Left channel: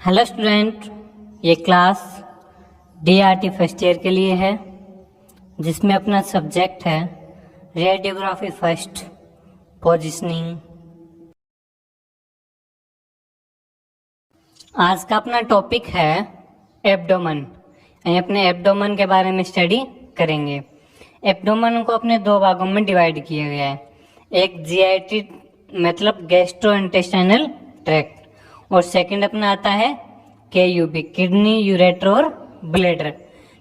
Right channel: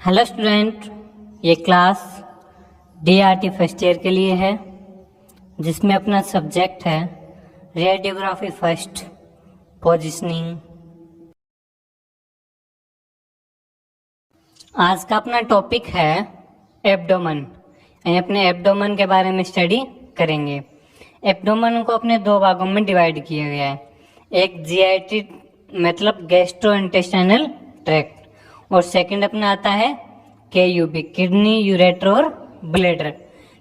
Hello student, ये class DRT first year के लिए है जिसमें अपना सब्जेक्ट है रेडियोग्राफी फर्स्ट पोजीशनिंग। आज का अपना टॉपिक है एब्डोमेन। अपने एब्डोमेन के बारे में स्टडी करेंगे। एब्डोमेन को अपने दो भागों में डिवाइड किया गया है, एक जीआईटी मतलब गैस्ट्रो इंटेस्टाइनल ट्रैक्ट और सेकंड अपना आता है केयूबी किडनी यूरेटर और ब्लैडर।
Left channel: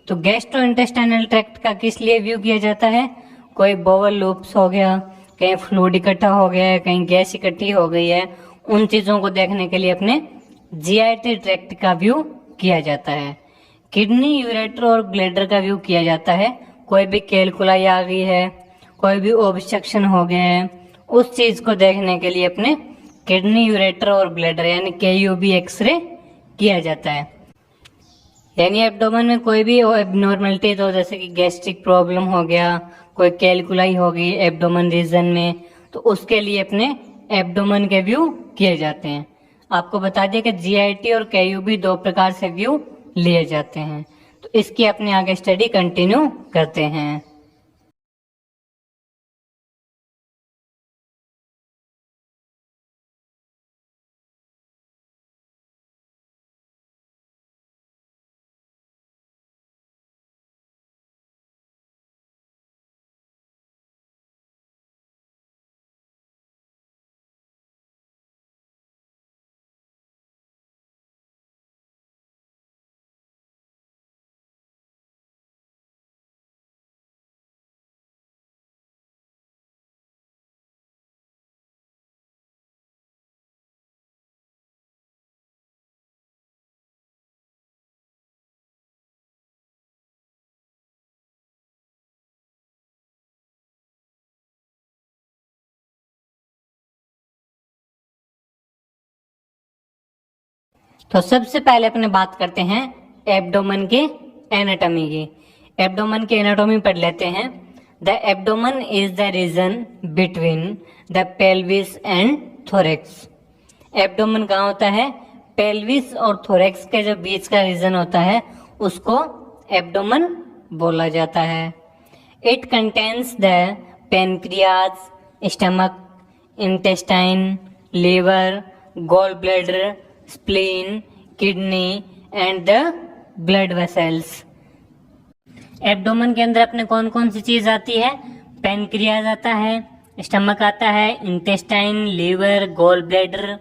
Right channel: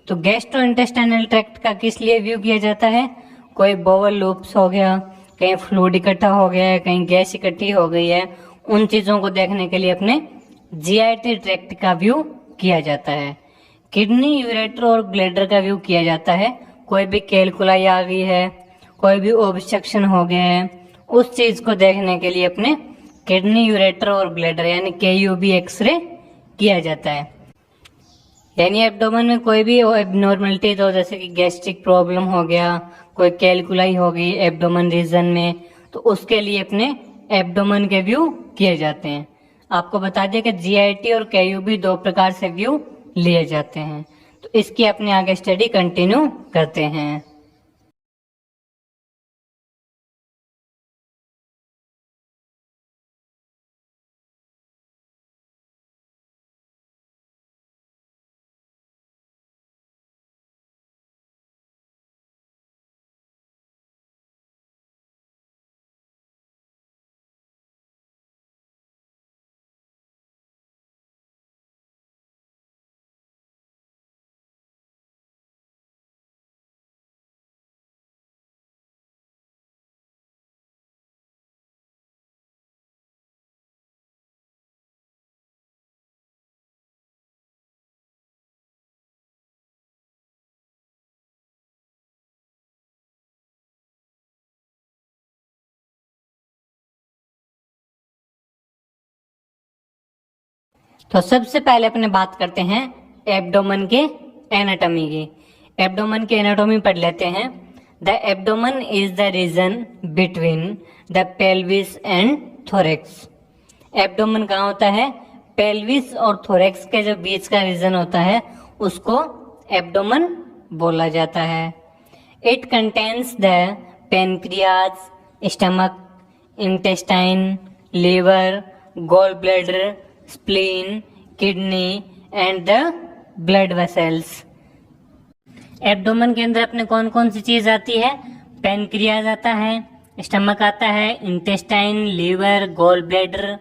तो गैस्ट्रो इंटेस्टाइनल ट्रैक्ट का किस लिए व्यू किया जाता है? कोई बोवल लूप्स हो गया, कहीं फ्लूइड इकट्ठा हो गया है, कहीं गैस इकट्ठी हो गई है, उन चीजों को देखने के लिए अपने जीआईटी ट्रैक्ट का व्यू किया जाता है। किडनी यूरेटर और ब्लैडर का व्यू किया जाता है। कोई भी कैलकुलाई आ गई है, कोई भी ऑब्स्ट्रक्शन हो गया है, उस चीज को देखने के लिए अपने किडनी यूरेटर और ब्लैडर यानी केयूबी एक्सरे किया जाता है। यानी एब्डोमेन में कोई भी एबनॉर्मलिटी तो जैसे कि गैस्ट्रिक प्रॉब्लम हो गया, कोई कैलकुलाई हो गई एब्डोमेन रीजन में, तो उसके लिए अपने एब्डोमेन के व्यू किए जाते हैं। आपको बता दिया कि जीआईटी और केयूबी दो प्रकार से व्यू लिए जाते हैं। तो इसकी अपने आगे स्टडी कंटिन्यू करते हैं। तो सबसे पहले अपने बात करते हैं एब्डोमेन के एनाटॉमी की। एब्डोमेन की एनाटॉमी पढ़ लेते हैं। The abdomen is the region between the pelvis and thorax. Abdomen कहाँ होता है? पेल्विस और थोरेक्स के जो बीच का रीजन होता है उसको एब्डोमेन बोला जाता है। It contains the pancreas, stomach, intestine, liver, gall bladder, spleen, kidney and the blood vessels. Abdomen के अंदर अपने कौन कौन सी चीज आती है? पेनक्रियाज आता है, स्टमक आता है, intestine, liver, gall bladder,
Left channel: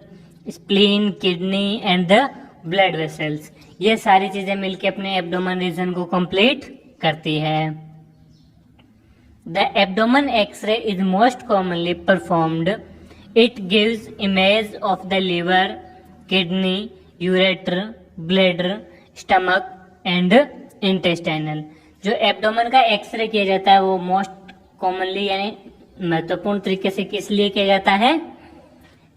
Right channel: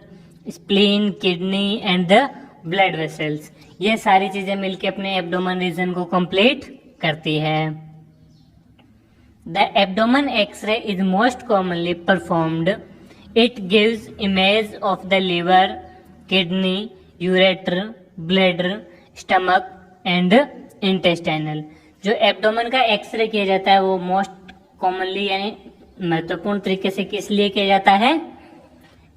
spleen, kidney and the blood vessels. ये सारी चीजें मिलकर अपने एब्डोमेन रीजन को कंप्लीट करती है। The abdomen X-ray is most commonly performed. It gives image of the liver, kidney, ureter, bladder, stomach and intestinal. जो abdomen का एक्सरे किया जाता है वो मोस्ट कॉमनली यानी महत्वपूर्ण तरीके से किस लिए किया जाता है?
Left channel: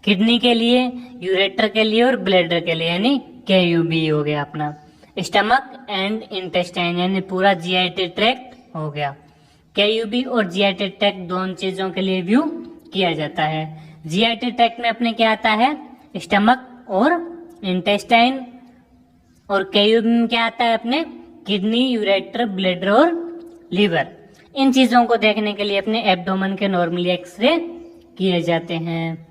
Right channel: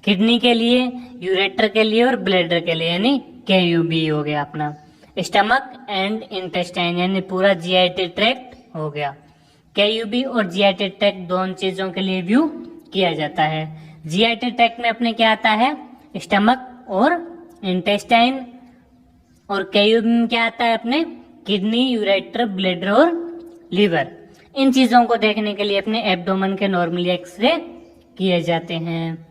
किडनी के लिए, यूरेटर के लिए और ब्लैडर के लिए यानी केयूबी हो गया अपना। स्टमक एंड इंटेस्टाइन यानी पूरा जीआईटी ट्रैक्ट हो गया। केयूबी और जीआईटी ट्रैक्ट दोनों चीजों के लिए व्यू किया जाता है। जीआईटी ट्रैक्ट में अपने क्या आता है? स्टमक और इंटेस्टाइन, और केयूबी में क्या आता है अपने? किडनी, यूरेटर, ब्लैडर और लीवर। इन चीजों को देखने के लिए अपने एब्डोमेन के नॉर्मली एक्सरे किए जाते हैं।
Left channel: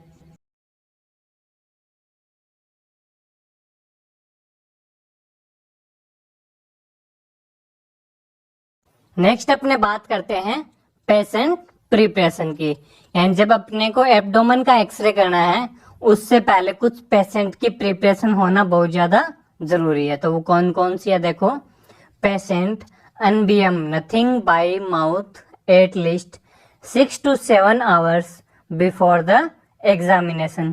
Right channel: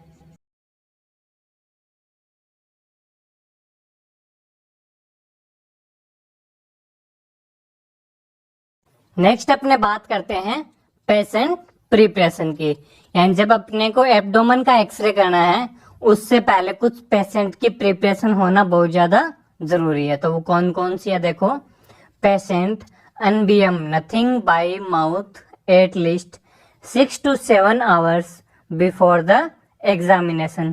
नेक्स्ट अपने बात करते हैं पेशेंट प्रिपरेशन की। यानी जब अपने को एब्डोमेन का एक्सरे करना है उससे पहले कुछ पेशेंट की प्रिपरेशन होना बहुत ज्यादा जरूरी है। तो वो कौन कौन सी है देखो। Patient NBM nothing by mouth at least 6 to 7 hours before the examination.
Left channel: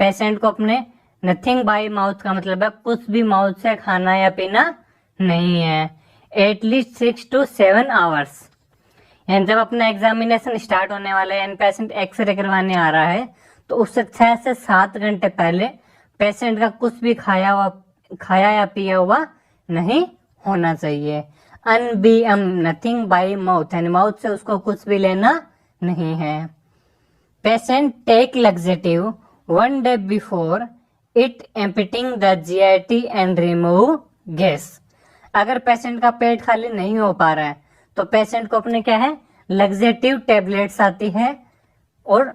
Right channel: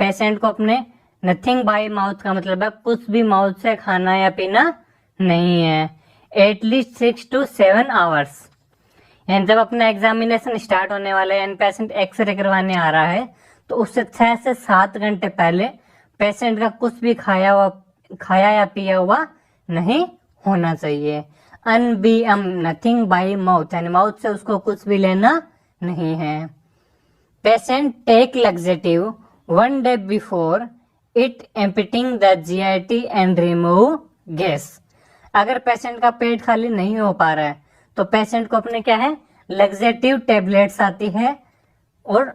Patient को अपने नथिंग बाय माउथ का मतलब है कुछ भी माउथ से खाना या पीना नहीं है। At least 6 to 7 hours। यानी जब अपना एग्जामिनेशन स्टार्ट होने वाला है यानी पेशेंट एक्सरे करवाने आ रहा है तो उससे 6 से 7 घंटे पहले पेशेंट का कुछ भी खाया या पिया हुआ नहीं होना चाहिए। अनबीएम नथिंग बाय माउथ यानी माउथ से उसको कुछ भी लेना नहीं है। Patient take laxative 1 day before it emptying the GIT and remove gas. अगर पेशेंट का पेट खाली नहीं हो पा रहा है तो पेशेंट को अपने क्या है, लग्जेटिव टेबलेट्स आती है और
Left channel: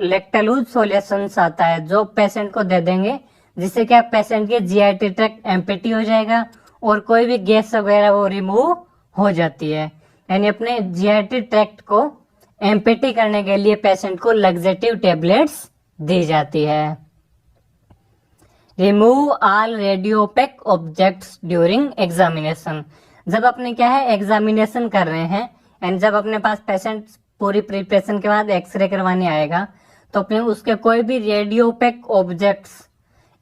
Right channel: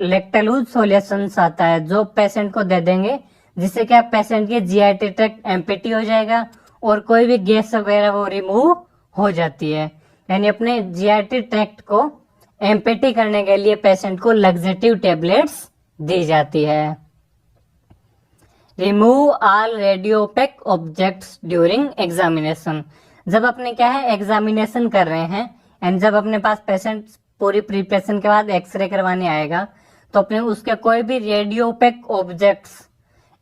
लेक्टलूज सॉल्यूशंस आता है जो पेशेंट को दे देंगे, जिससे क्या पेशेंट के GIT ट्रैक्ट एम्पिटी हो जाएगा और कोई भी गैस वगैरह वो रिमूव हो जाती है। यानी अपने GIT ट्रैक्ट को एम्पिटी करने के लिए पेशेंट को लग्जेटिव टेबलेट्स दी जाती है। Remove all radiopaque objects during examination. जब अपने क्या है एग्जामिनेशन कर रहे हैं एंड जब अपने पास पेशेंट पूरी प्रिपरेशन के बाद एक्सरे करवाने आएगा तो अपने उसके कोई भी रेडियोपेक ऑब्जेक्ट्स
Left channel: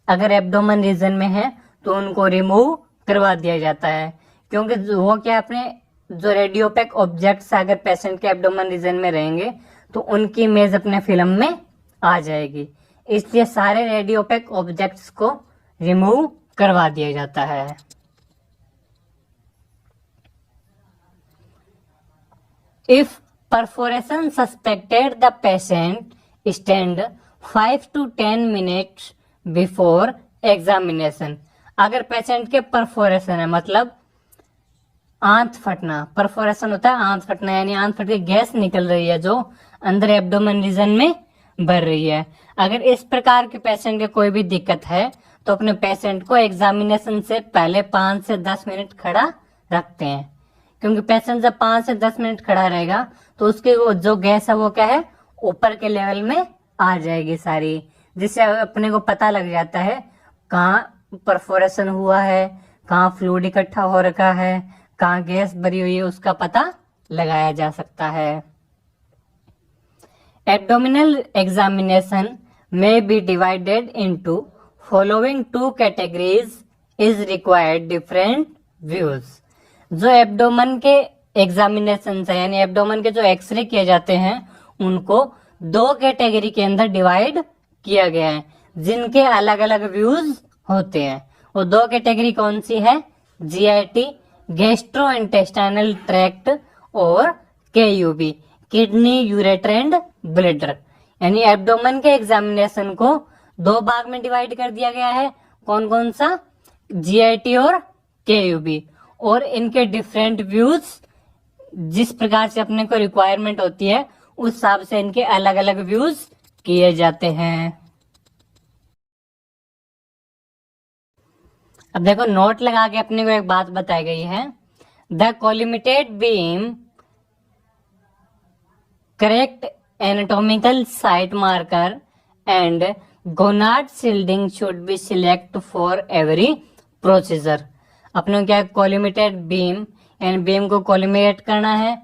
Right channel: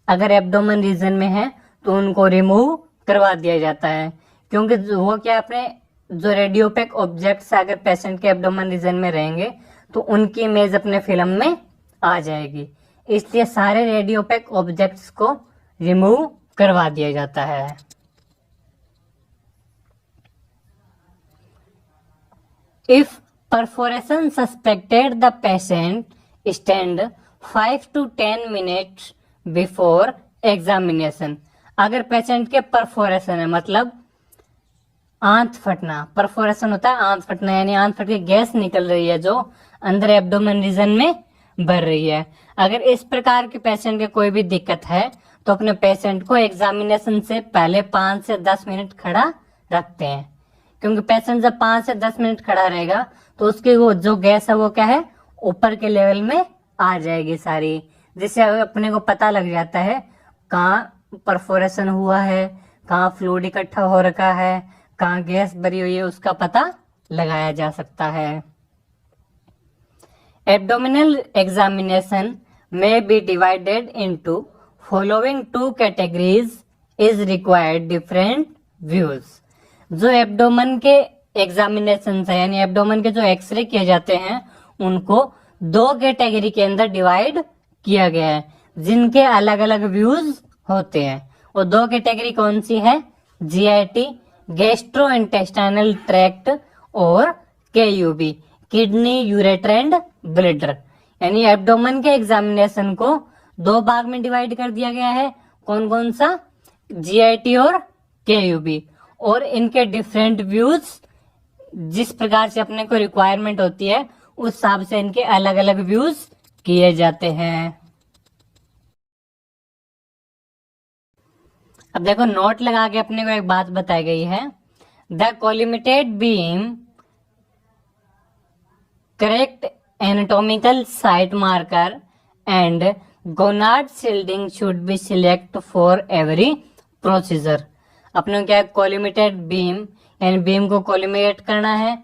अगर एब्डोमेन रीजन में है तो उनको रिमूव करवा दिया जाता है, क्योंकि वो क्या अपने जो रेडियोपेक ऑब्जेक्ट्स अगर पेशेंट के एब्डोमेन रीजन में रहेंगे तो उनकी इमेज अपने फिल्म में आ जाएगी, इसलिए सारे रेडियोपेक ऑब्जेक्ट्स को रिमूव करवा दिया जाता है। If perforation suspected the patient stand 5 to 10 minutes before examination. अगर पेशेंट के परफोरेशन है मतलब आंत फटना, परफोरेशन होता है आंत फटना, यानी आंत फट के गैस निकल रही है जो अंदर एब्डोमेन रीजन में भर रही है। अगर इस प्रकार के पेशेंट के कोई भी दिक्कत है तो अपने पेशेंट को एग्जामिनेशन से पहले 5 से 10 मिनट खड़ा रखते हैं, क्योंकि पेशेंट जब 5 से 10 मिनट खड़ा रहेगा तो उसकी वो जो गैस है वो क्या है ऊपर के लेवल में आ जाएगी सारी, जिससे अपने को पता लग जाता है कहाँ परफोरेशन हुआ है, कहाँ फ्लूइड इकट्ठा हो रखा है, कहाँ गैस भरी हुई है, उसका पता लगाया जा सकता है। Abdominal examination may be divided into following two categories is required different views। जो एब्डोमेन के एग्जामिनेशन है यानी एब्डोमेन के जो एक्सरे किए जाते हैं उनको दो कैटेगरी के अंदर डिवाइड किया गया है, जिनके अलग अलग व्यूज होते हैं। वो दो कैटेगरी कौन सी है, GIT गैस्ट्रो इंटेस्टाइनल ट्रैक्ट और KUB kidney ureter and bladder. यानी एब्डोमेन के एग्जामिनेशन को दो भाग में डिवाइड कर दिया गया है, कौन कौन सा, GIT और KUB, और इनके डिफरेंट व्यूज जिस प्रकार से अपने को रिक्वायरमेंट होती है उस हिसाब से इनके अलग अलग व्यूज किए जाते हैं। अब देखो नोट लगा के अपने को एक बात बताई गई है, the collimated beam correct anatomical site marker and gonad shielding should be select for every procedure। अपने क्या कोलिमेटेड बीम यानी बीम को कोलिमेट करना है,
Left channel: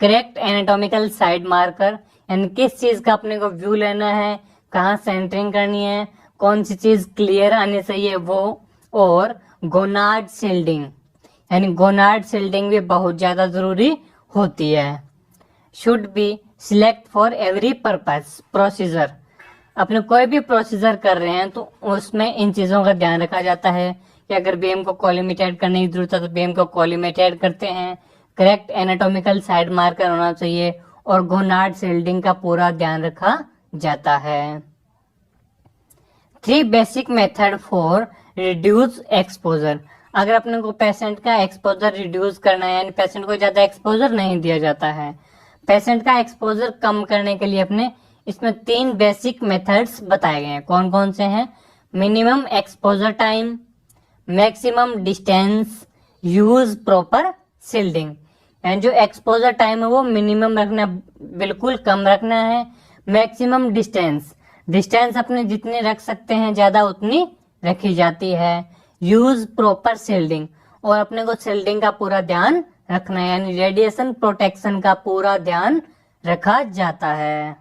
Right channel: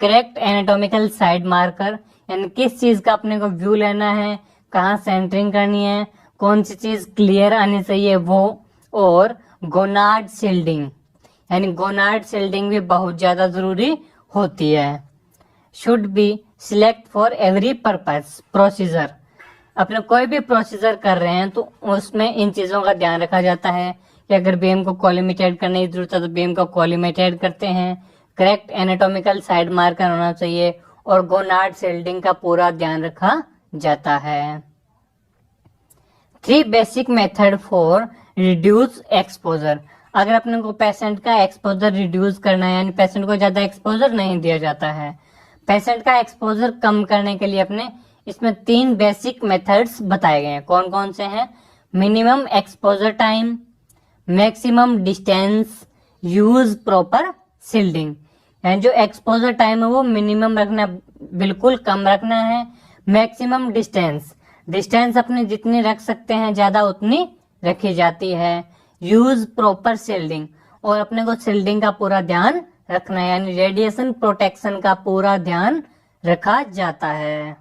करेक्ट एनाटॉमिकल साइड मार्कर यानी किस चीज का अपने को व्यू लेना है, कहाँ सेंटरिंग करनी है, कौन सी चीज क्लियर आनी चाहिए वो, और गोनाड शील्डिंग यानी गोनाड शील्डिंग भी बहुत ज्यादा जरूरी होती है। Should be select for every purpose procedure. अपने कोई भी प्रोसीजर कर रहे हैं तो उसमें इन चीजों का ध्यान रखा जाता है कि अगर बीम को कोलिमेटेड करने की जरूरत है तो बीम को कोलिमेटेड करते हैं, करेक्ट एनाटॉमिकल साइड मार्कर होना चाहिए और गोनाड शील्डिंग का पूरा ध्यान रखा जाता है। 3 basic method for reduce exposure. अगर अपने को पेशेंट का एक्सपोजर रिड्यूस करना है यानी पेशेंट को ज्यादा एक्सपोजर नहीं दिया जाता है, पेशेंट का एक्सपोजर कम करने के लिए अपने इसमें 3 बेसिक मेथड्स बताए गए हैं। कौन कौन से हैं, minimum exposure time, maximum distance, use proper shielding. यानी जो एक्सपोजर टाइम है वो मिनिमम रखना, बिल्कुल कम रखना है। मैक्सिमम डिस्टेंस, डिस्टेंस अपने जितनी रख सकते हैं ज्यादा उतनी रखी जाती है। यूज प्रॉपर शील्डिंग, और अपने को शील्डिंग का पूरा ध्यान रखना है यानी रेडिएशन प्रोटेक्शन का पूरा ध्यान रखा जाता है।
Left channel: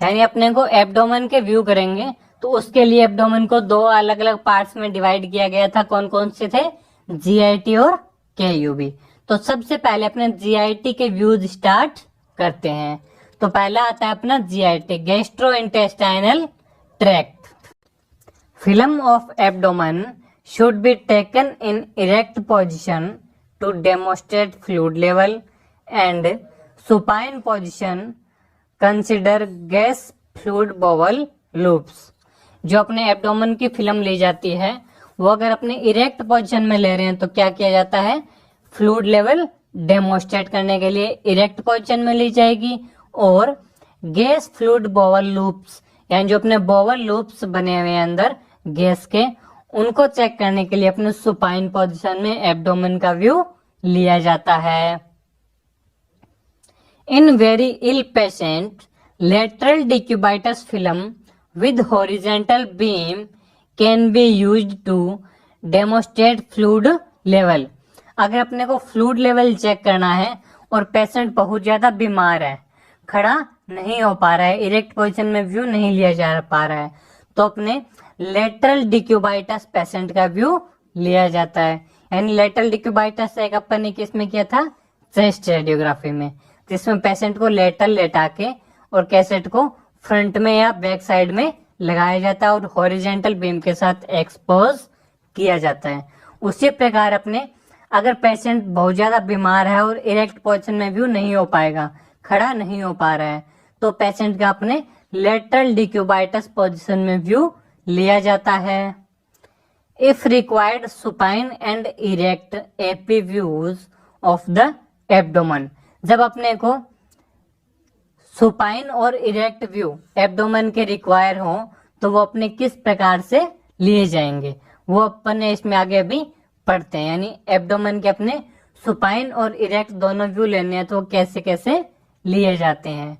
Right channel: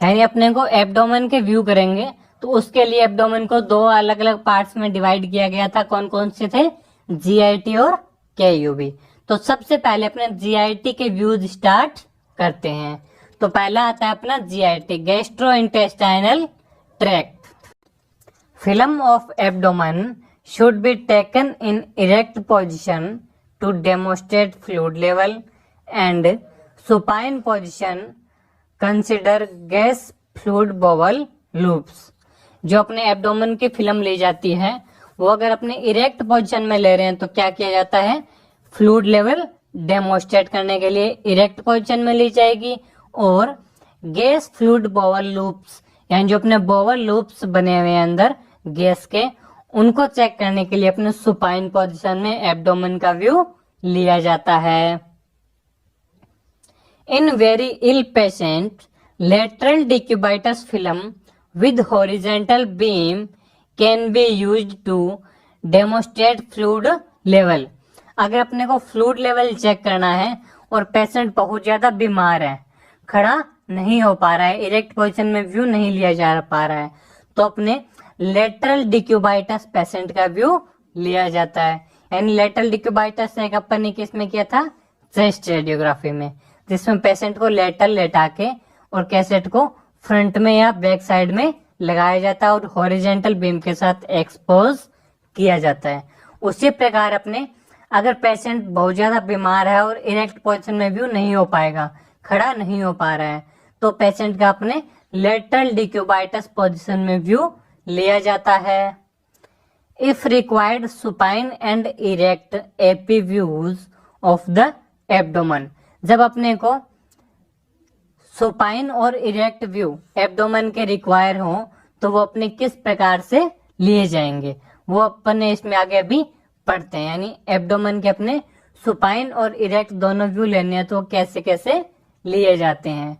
यानी अपने को एब्डोमेन के व्यू करेंगे तो उसके लिए एब्डोमेन को 2 अलग अलग पार्ट्स में डिवाइड किया गया था। कौन कौन से थे, GIT और KUB। तो सबसे पहले अपने GIT के व्यूज स्टार्ट करते हैं। तो पहला आता है अपना GIT gastro intestinal tract. Film of abdomen should be taken in erect position to demonstrate fluid level and supine position consider gas fluid bowel loops. जो अपने एब्डोमेन की फिल्म ली जाती है वो अगर अपने इरेक्ट पोजीशन में ले रहे हैं तो क्या किया जाता है, फ्लूइड लेवल डेमोस्ट्रेट करने के लिए इरेक्ट पोजीशन में ली जाएगी, और गैस फ्लूइड बॉवल लूप्स यानी जो अपने बॉवल लूप्स बने हुए हैं अंदर गैस के, उनको चेक करने के लिए अपने सुपाइन पोजीशन में एब्डोमेन का व्यू लिया जाता है। In very ill patient lateral decubitus film with horizontal beam can be used to demonstrate fluid level। अगर अपने को फ्लूइड लेवल चेक करना है और पेशेंट बहुत ज्यादा बीमार है, खड़ा नहीं हो पा रहा है, इरेक्ट पोजीशन में व्यू नहीं लिया जा पा रहा है, तो अपने लेटरल डिक्यूबाइटस पेशेंट का व्यू लिया जाता है। यानी लेटरल डिक्यूबाइटस एक अपन ने किसमें किया था, चेस्ट रेडियोग्राफी में, जिसमें पेशेंट को लेटरल लेटा के और कैसेट को फ्रंट में या बैक साइड में लगाया जाता है और हॉरिजेंटल बीम के साथ एक्सपोज किया जाता है। उसी प्रकार अपने अगर पेशेंट बहुत ज्यादा बीमार है और इरेक्ट पोजीशन में व्यू नहीं हो पाएगा, खड़ा नहीं हो पा रहा है, तो पेशेंट का अपने लेटरल डिक्यूबाइटस पोजीशन में व्यू लिया जाता है। If required supine and erect AP views of the abdomen. जब अपने को सुपाइन और इरेक्ट व्यू एब्डोमेन के रिक्वायर हो तो वो अपने किस प्रकार से लिए जाएंगे वो अपन ने इसमें आगे अभी पढ़ते हैं। यानी एब्डोमेन के अपने सुपाइन और इरेक्ट दोनों व्यू लेने हैं तो वो कैसे कैसे लिए जाते हैं,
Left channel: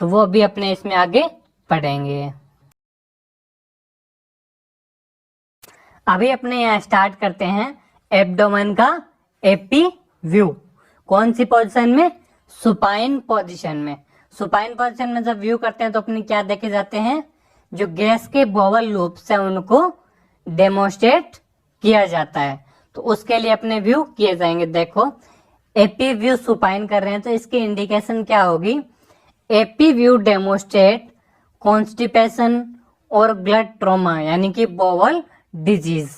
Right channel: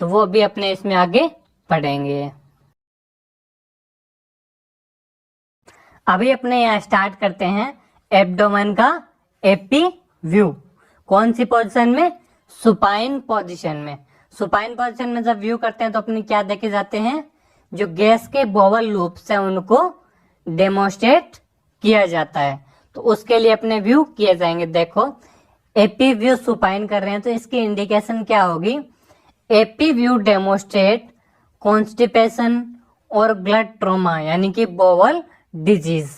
तो वो अभी अपने इसमें आगे पढ़ेंगे। अभी अपने यहाँ स्टार्ट करते हैं एब्डोमेन का एपी व्यू। कौन सी पोजीशन में, सुपाइन पोजीशन में। सुपाइन पोजीशन में जब व्यू करते हैं तो अपने क्या देखे जाते हैं, जो गैस के बॉवल लूप्स हैं उनको डेमोस्ट्रेट किया जाता है, तो उसके लिए अपने व्यू किए जाएंगे। देखो एपी व्यू सुपाइन कर रहे हैं तो इसकी इंडिकेशन क्या होगी, एपी व्यू डेमोस्ट्रेट कॉन्स्टिपेशन और ब्लड ट्रोमा यानी कि बॉवल डिजीज।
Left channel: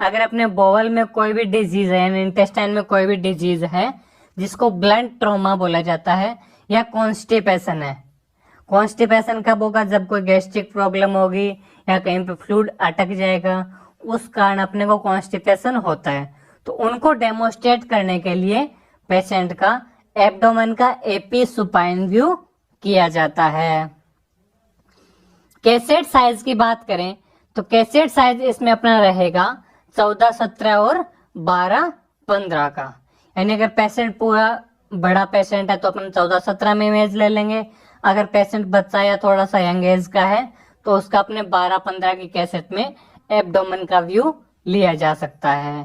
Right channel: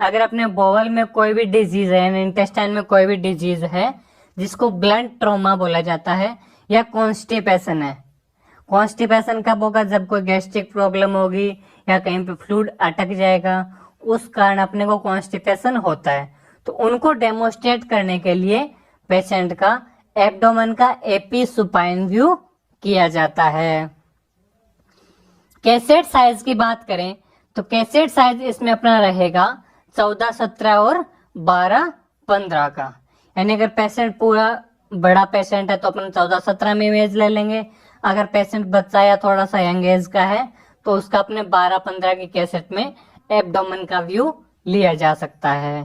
अगर अपने बॉवल में कोई भी डिजीज है यानी इंटेस्टाइन में कोई भी डिजीज है जिसको ब्लड ट्रोमा बोला जाता है, या कॉन्स्टिपेशन है। कॉन्स्टिपेशन कब होगा, जब कोई गैस्ट्रिक प्रॉब्लम होगी या कहीं पे फ्लूइड अटक जाएगा, उस कारण अपने को कॉन्स्टिपेशन होता है। तो उनको डेमोस्ट्रेट करने के लिए पेशेंट का एब्डोमेन का एपी सुपाइन व्यू किया जाता है। कैसेट साइज की बात करें तो कैसेट साइज इसमें अपना रहेगा 14, 17 और 12, 15 का। यानी अगर पेशेंट पूरा बड़ा पेशेंट है तो अपन 14, 17 में इमेज ले लेंगे। अगर पेशेंट बच्चा या थोड़ा सा यंग एज का है तो उसका अपने 12, 15 की कैसेट में एब्डोमेन का व्यू लिया जा सकता है।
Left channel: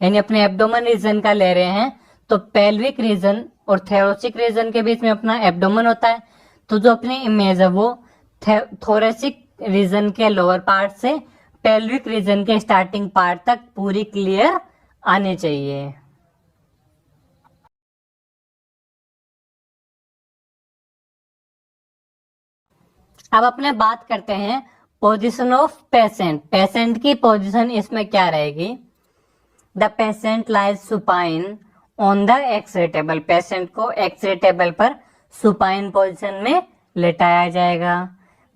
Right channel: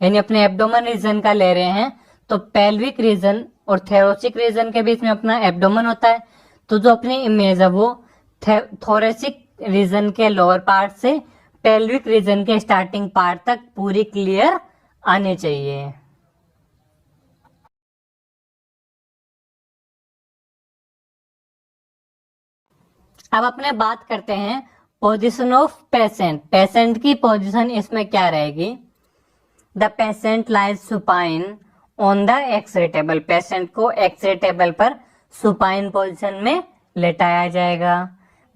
यानी अपने एब्डोमेन रीजन का ले रहे हैं तो पेल्विक रीजन और थोरेसिक रीजन के बीच में अपना एब्डोमेन होता है, तो जो अपनी इमेज है वो थोरेसिक रीजन के लोअर पार्ट से पेल्विक रीजन के स्टार्टिंग पार्ट तक पूरी क्लियर आनी चाहिए। अब अपने बात करते हैं पोजीशन ऑफ पेशेंट। पेशेंट की पोजीशन इसमें क्या रहेगी, the patient lies supine on the X-ray table. Patient को एक्स-रे टेबल पर सुपाइन पोजीशन में लेटाया जाएगा।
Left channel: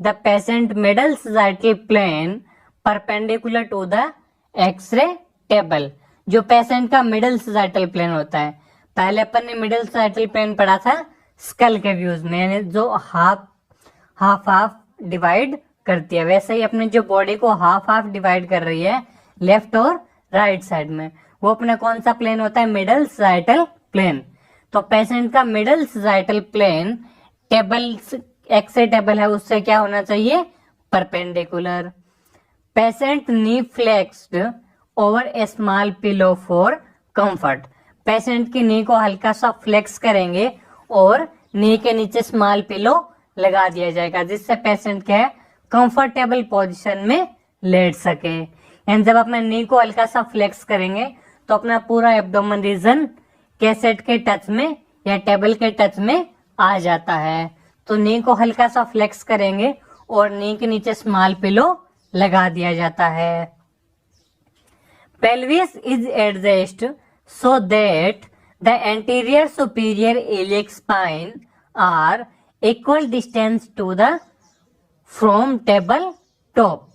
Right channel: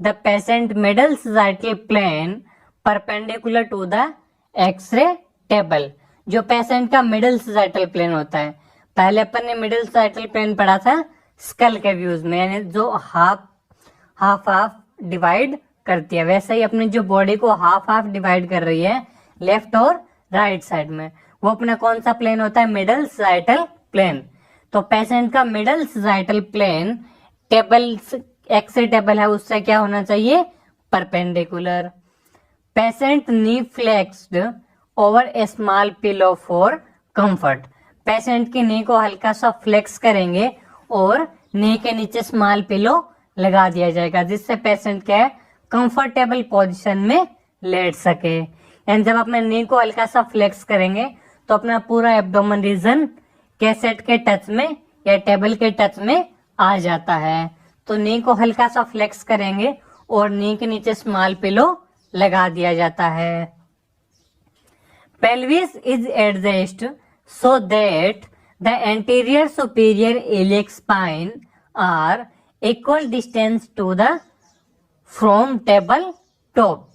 The patient middle sagittal plane perpendicular to the X-ray table. जो पेशेंट का मिडल सजाइटल प्लेन होता है, पहले अपन ने मिडल सजाइटल प्लेन पढ़ा था स्कल के व्यूज में, यानी जो हाफ डिवाइड करती है, वैसे ही अपनी जो बॉडी को हाफ डिवाइड कर रही है लेफ्ट और राइट साइड में, वो अपना कौन सा प्लेन होता है, मिडल सजाइटल प्लेन। तो पेशेंट का middle sagittal plane table X-ray table है उससे क्या होना चाहिए, perpendicular. Patient knee flexed over a small pillow for comfort. Patient की नी को हल्का सा फ्लेक्स करेंगे और नी के नीचे स्मॉल पिलो लगा दिया जाएगा, जिससे पेशेंट क्या है कंफर्टेबल पोजीशन में लेट सके। एंड जब अपने नी को हल्का सा फ्लेक्स करेंगे तो अपना पूरा एब्डोमेन रीजन कैसेट के टच में या टेबल के टच में आ जाता है। तो नी को हल्का सा फ्लेक्स करेंगे और नी के नीचे स्मॉल पिलो लगा दिया जाता है। Pelvis is adjust so that the anterior superior iliac spine are equal distance to the from table top.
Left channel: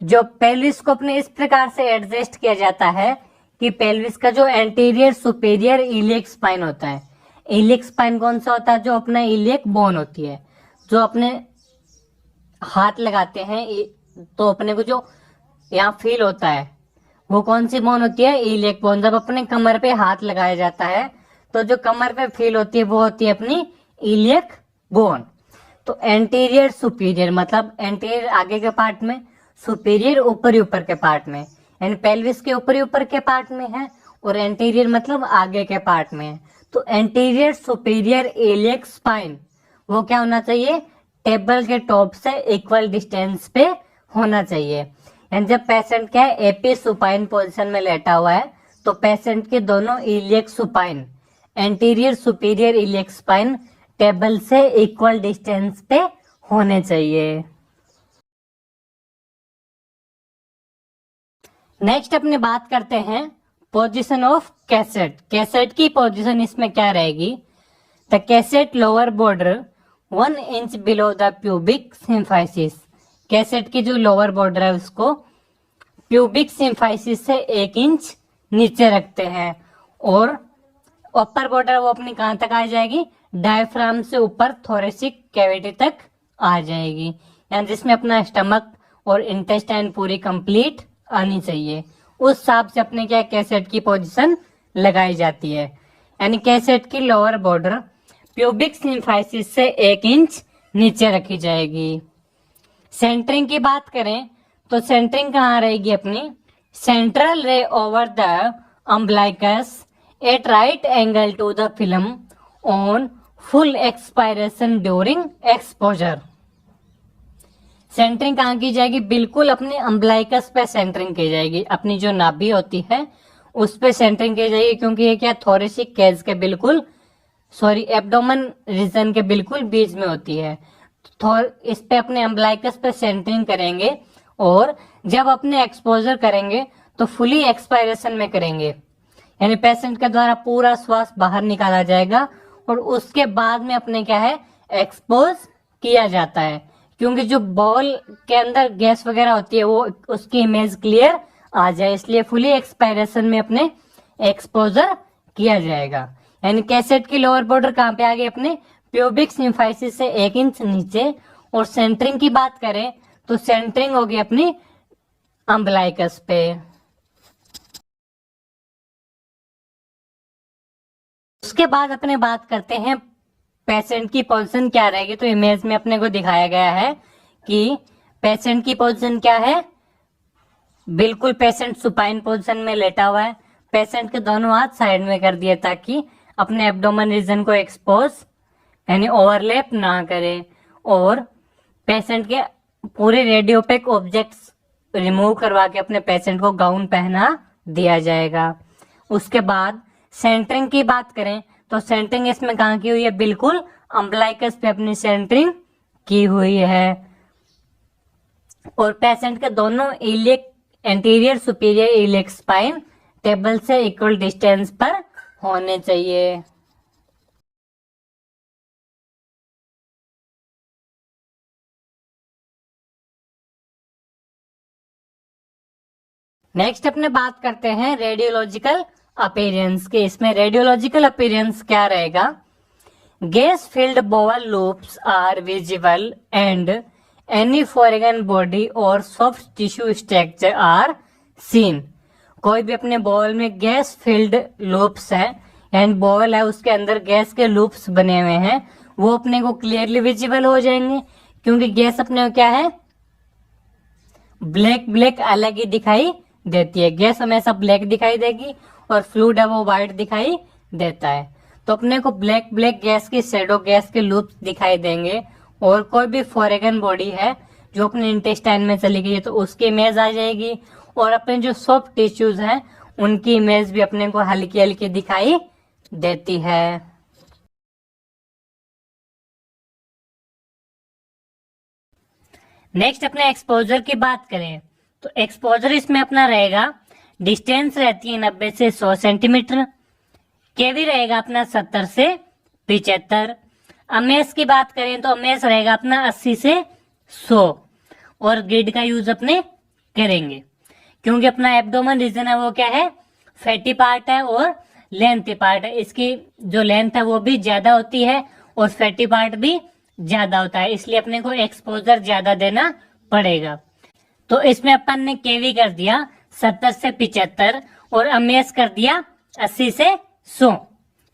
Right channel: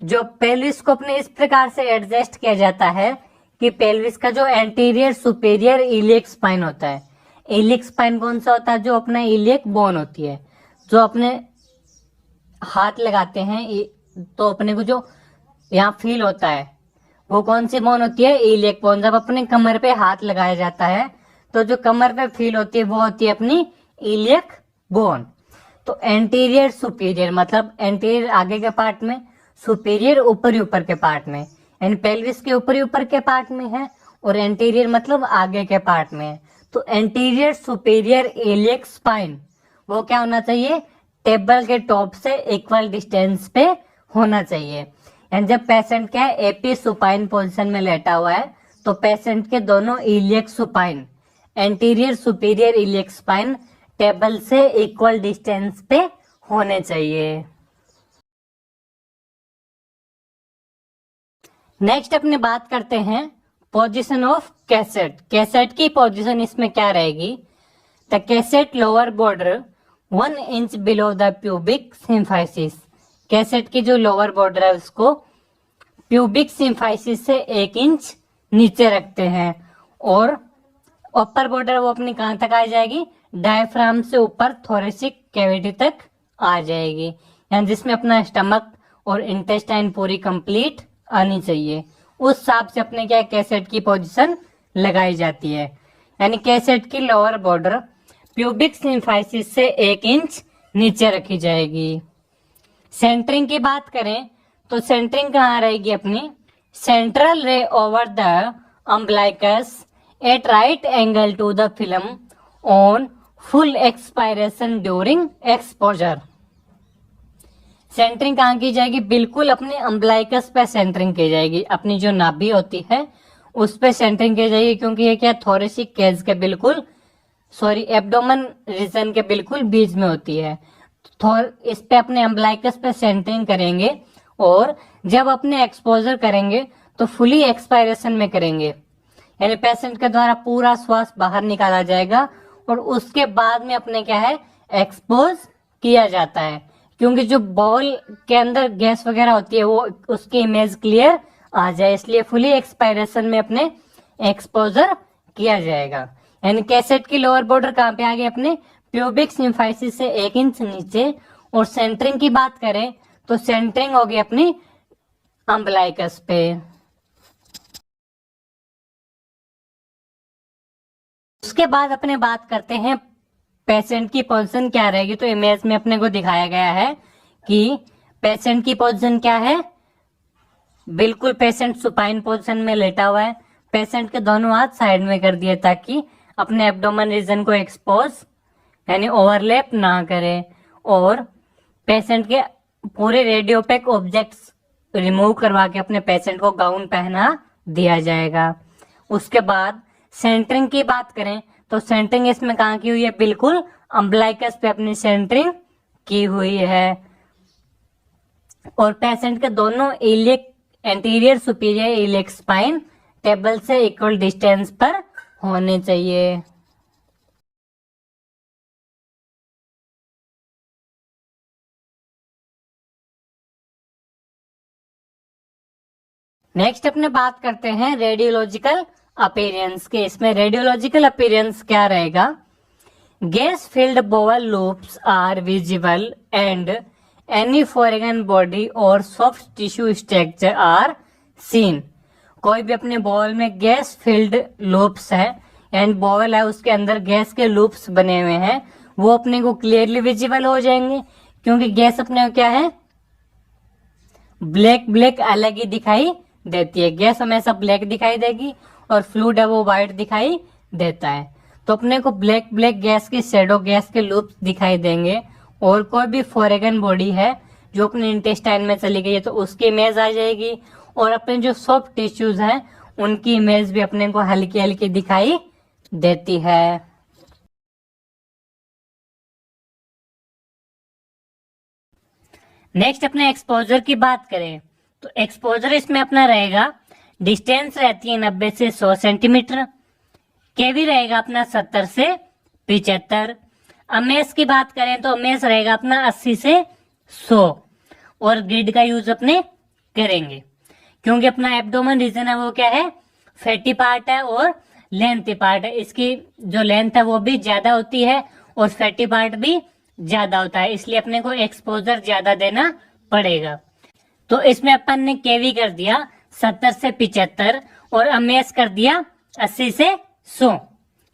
जो पेल्विस को अपने इस प्रकार से एडजस्ट किया जाता है कि पेल्विस का जो एंटीरियर सुपीरियर इलियक स्पाइन होता है, इलियक स्पाइन कौन सा होता है, जो अपना इलियक बोन होती है, जो अपने हाथ लगाते हैं तो अपने को जो यहाँ फील होता है वो कौन सी बोन होती है, इलियक बोन। जब अपने कमर पे हाथ लगाया जाता है तो जो कमर पे फील होती है वो होती है अपनी इलियक बोन। तो एंटीरियर सुपीरियर मतलब एंटीरियर आगे के पार्ट में, सुपीरियर ऊपर के पार्ट में, यानी पेल्विस के ऊपर के पार्ट में है, और एंटीरियर मतलब आगे के पार्ट में है। तो एंटीरियर सुपीरियर इलियक स्पाइन वो क्या होना चाहिए, टेबल के टॉप से इक्वल डिस्टेंस पे होना चाहिए। एंड जब पेशेंट क्या है एपी सुपाइन पोजीशन में लेटा हुआ है तो पेशेंट के दोनों iliac supine, anterior superior iliac spine table से इक्वल डिस्टेंस पे होने चाहिए। नेक्स्ट अपने बात करते हैं पोजीशन ऑफ कैसेट। कैसेट की पोजीशन इसमें क्या रहेगी, the cassette lower border 1 inch below the pubic symphysis. Cassette की जो लोअर बॉर्डर है उसको प्यूबिक सिम्फाइसिस से 1 इंच नीचे रखते हैं, और अपर बॉर्डर वो अपनी कहां तक आ जाएगी, डायफ्राम से ऊपर थोरेसिक कैविटी तक आ जाएगी, यानी जिसमें अपना स्टमक और इंटेस्टाइन पूरी कंप्लीट आनी चाहिए। उस हिसाब से अपने क्या कैसेट की पोजीशन लगाई जाती है। यानी कैसेट की लोअर बॉर्डर प्यूबिक सिम्फाइसिस से 1 इंच नीचे रखी जाएगी। सेंटरिंग की बात करें तो सेंटरिंग कहाँ रहेगी अपनी, central ray over the umbilicus at right angle to the film on full expiration during exposure. Centering कहाँ की जाएगी, बिल्कुल अपनी अम्बलाइकस पे सेंटरिंग की जाएगी, अपनी जो नाभि होती है उस पे सेंटरिंग की जाएगी, क्योंकि ये क्या थोरेसिक केज के बिल्कुल एब्डोमेन रीजन के बिल्कुल बीच में होती है। इस पे अपने अम्बलाइकस पे सेंटरिंग करेंगे, और जब अपने एक्सपोजर करेंगे तो फुली एक्सपायरेशन में करेंगे, यानी पेशेंट के द्वारा पूरा श्वास बाहर निकाला जाएगा और उसके बाद में अपने क्या है एक्सपोज किया जाता है, क्योंकि जो बॉल के अंदर गैस वगैरह होती है वो उसकी इमेज क्लियर आ जाए, इसलिए फुली एक्सपायरेशन में अपने एक्सपोजर किया जाएगा। यानी कैसेट की लोअर बॉर्डर कहाँ पे आ गई अपने प्यूबिक सिम्फाइसिस से 1 इंच नीचे। और सेंटरिंग की बात करें तो सेंटरिंग होगी अपनी अम्बलाइकस पे। उसके बाद अपने बात करते हैं पेशेंट की पोजीशन क्या रहेगी। तो इमेज में अपने को दिखाया गया है कि पेशेंट की पोजीशन क्या है, बिल्कुल पेशेंट सुपाइन पोजीशन में लेटा हुआ है। पेशेंट के दोनों हाथ साइड में कर दिए ताकि अपने एब्डोमेन रीजन को एक्सपोज यानी ओवरलैप ना करे, और पेशेंट के पूरे रेडियोपेक ऑब्जेक्ट्स रिमूव करवा के अपने पेशेंट को गाउन पहना दिया जाएगा। उसके बाद सेंटरिंग की बात करें तो सेंटरिंग इसमें कहाँ की हुई है, बिल्कुल अम्बलाइकस पे अपनी सेंटरिंग की हुई है। और पेशेंट के दोनों iliac anterior superior iliac spine table से इक्वल डिस्टेंस पर होने चाहिए। नेक्स्ट अपने बात करते हैं रेडियोलॉजिकल अपीयरेंस के। इसमें रेडियोलॉजिकल अपीयरेंस क्या रहेगा, gas filled bowel loops are visible and any foreign body और soft tissue structure are seen. कोई भी अपने बॉल में गैस फिल्ड लूप्स है, यानी बॉल है उसके अंदर गैस के लूप्स बने हुए हैं, वो अपने को क्लियरली विजिबल हो जाएंगे, क्योंकि गैस अपने को क्या है ब्लैक ब्लैक अलग ही दिखाई देती है। गैस हमेशा ब्लैक दिखाई देगी और फ्लूइड है वो व्हाइट दिखाई देता है। तो अपने को ब्लैक ब्लैक गैस की शेडो गैस के लूप्स दिखाई देंगे। और कोई भी फॉरेन बॉडी है जो अपने इंटेस्टाइन में चली गई है तो उसकी इमेज आ जाएगी, और अपने जो सॉफ्ट टिश्यूज हैं उनकी इमेज भी अपने को हल्की हल्की दिखाई देती है। नेक्स्ट अपने एक्सपोजर की बात करें तो एक्सपोजर इसमें अपना रहेगा, डिस्टेंस रहती है 90 से 100 सेंटीमीटर, केवी रहेगा अपना 70 से 75, अमेज की बात करें तो अमेज रहेगा अपना 80 से 100 और ग्रिड का यूज अपने करेंगे क्योंकि अपना एब्डोमेन रीजन है वो क्या है, फैटी पार्ट है और लेंथी पार्ट है। इसकी जो लेंथ है वो भी ज्यादा होती है और फैटी पार्ट भी ज्यादा होता है, इसलिए अपने को एक्सपोजर ज्यादा देना पड़ेगा। तो इसमें अपन ने केवी कर दिया 70 से 75 और अमेज कर दिया 80 से 100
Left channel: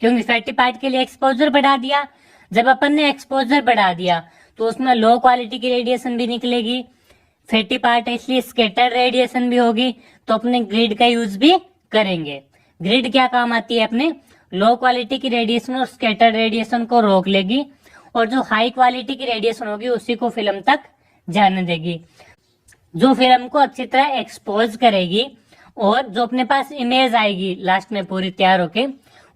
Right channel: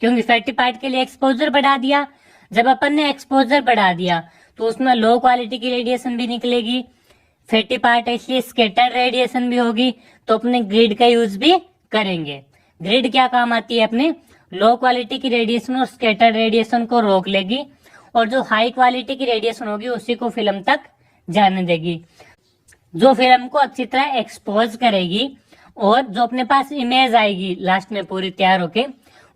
क्योंकि फैटी पार्ट के लिए एक्सपोजर बढ़ा दिया। जब अपन ने एक्सपोजर बढ़ा दिया तो उसमें लो क्वालिटी की रेडिएशन भी निकलेगी, फैटी पार्ट है इसलिए स्कैटर्ड रेडिएशन भी होगी, तो अपने ग्रिड का यूज भी करेंगे। ग्रिड क्या काम आती है, अपने लो क्वालिटी की रेडिएशन और स्कैटर्ड रेडिएशन को रोक लेगी और जो हाई क्वालिटी की रेडिएशन होगी उसी को फिल्म तक जाने देगी, जो फिल्म को अच्छी तरह एक्सपोज करेगी और जो अपने पास इमेज आएगी लास्ट में पूरी तैयार होके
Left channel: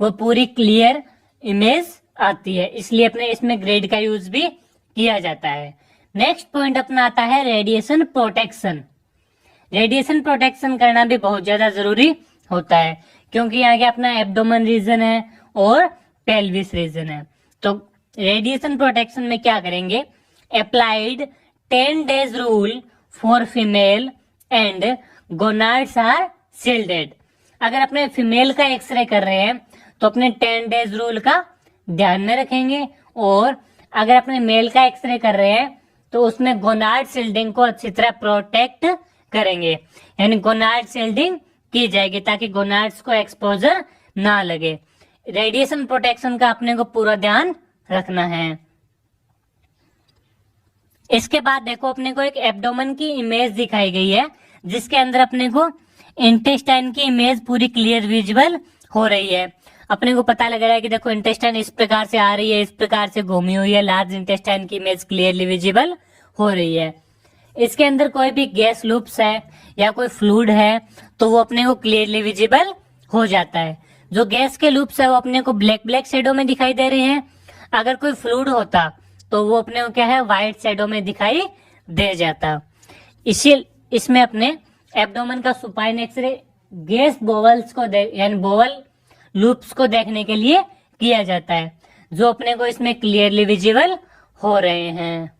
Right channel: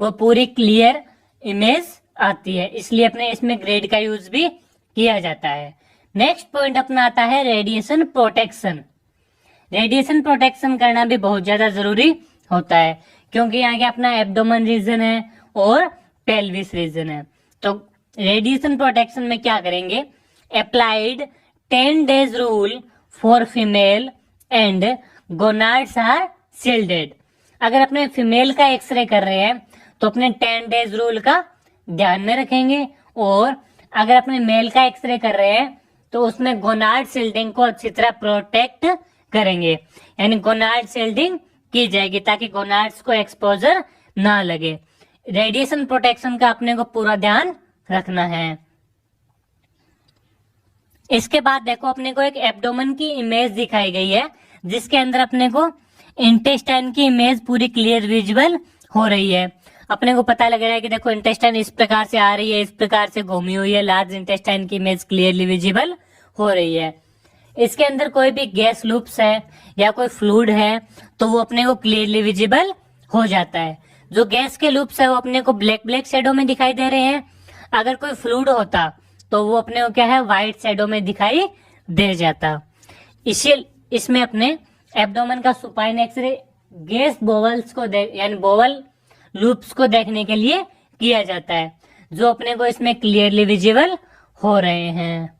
वो पूरी क्लियर इमेज आती है, इसलिए अपने इसमें ग्रिड का यूज भी किया जाता है। नेक्स्ट पॉइंट अपना आता है रेडिएशन प्रोटेक्शन। रेडिएशन प्रोटेक्शन करना भी बहुत ज्यादा जरूरी होता है क्योंकि यहाँ के अपना एब्डोमेन रीजन है और पेल्विस रीजन है। तो रेडिएशन प्रोटेक्शन में क्या करेंगे, applied 10 days rule for female and gonads are shielded. अगर अपने फीमेल का एक्सरे कर रहे हैं तो अपने 10 days रूल का ध्यान में रखेंगे और अगर अपने मेल का एक्सरे कर रहे हैं तो उसमें गोनाड शील्डिंग को अच्छी तरह प्रोटेक्ट करेंगे, यानी गोनाड शील्डिंग की जाएगी ताकि गोनाड्स को एक्सपोजर ना लगे। रेडिएशन प्रोटेक्शन का अपने को पूरा ध्यान रखना है। इसके बाद देखो अपने को एक एब्डोमेन की इमेज दिखाई गई है जिसके अंदर अपने को इंटेस्टाइन की इमेज पूरी क्लियर विजुअल हो रही है। अपने को पता लग रहा है कि देखो इंटेस्टाइन इस प्रकार से आ रही है, इस प्रकार से घूमी हुई है, लार्ज इंटेस्टाइन की इमेज क्लियरली विजिबल हो रही है। इसके अंदर कोई भी गैस लूप्स है या कोई फ्लूइड है तो वो अपने को क्लियरली विजिबल हो जाता है। जो गैस के लूप्स है वो अपने को ब्लैक ब्लैक शेडो में दिखाई दे रहे हैं, अगर कोई फ्लूइड होता तो वो अपने को क्या है व्हाइट शेडो में दिखाई दे जाता। इसमें अपने एब्डोमेन का सुपाइन एक्सरे गैस बोवल्स को यानी बोवल लूप्स को देखने के लिए किया जाता है जो अपने को इसमें क्लियरली विजिबल हो रहे हैं।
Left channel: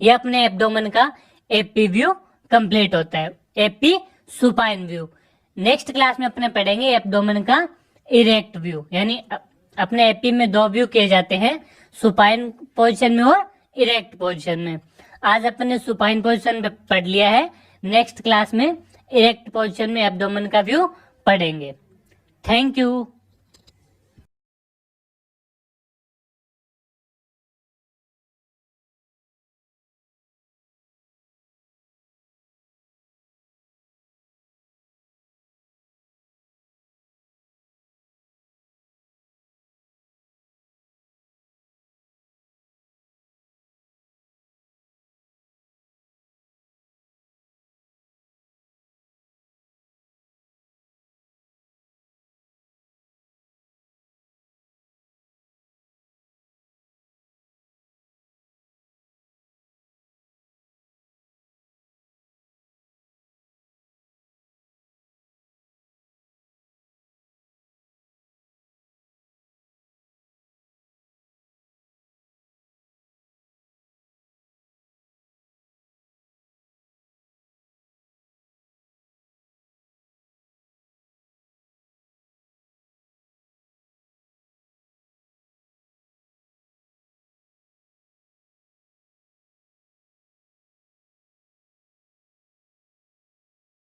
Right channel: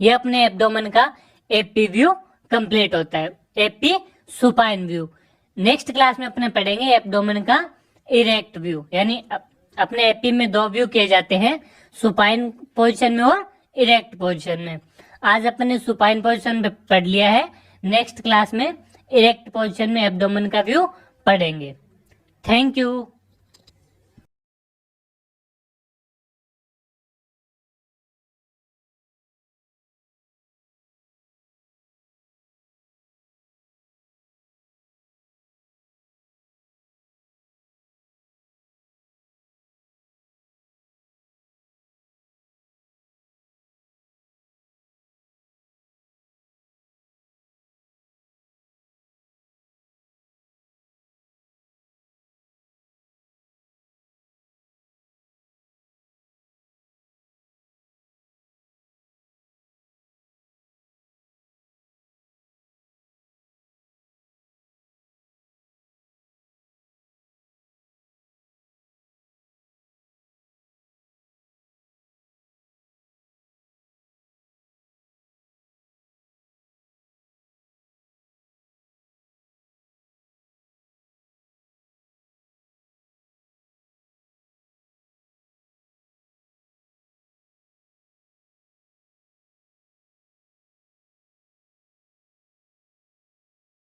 यह अपने एब्डोमेन का एपी व्यू कंप्लीट होता है, AP supine view. Next class में अपने पढ़ेंगे एब्डोमेन का इरेक्ट व्यू, यानी अपने एपी में दो व्यू किए जाते हैं, सुपाइन पोजीशन में और इरेक्ट पोजीशन में। आज अपने सुपाइन पोजीशन में पढ़ लिया है, नेक्स्ट क्लास में इरेक्ट पोजीशन में एब्डोमेन का व्यू पढ़ेंगे। Thank you.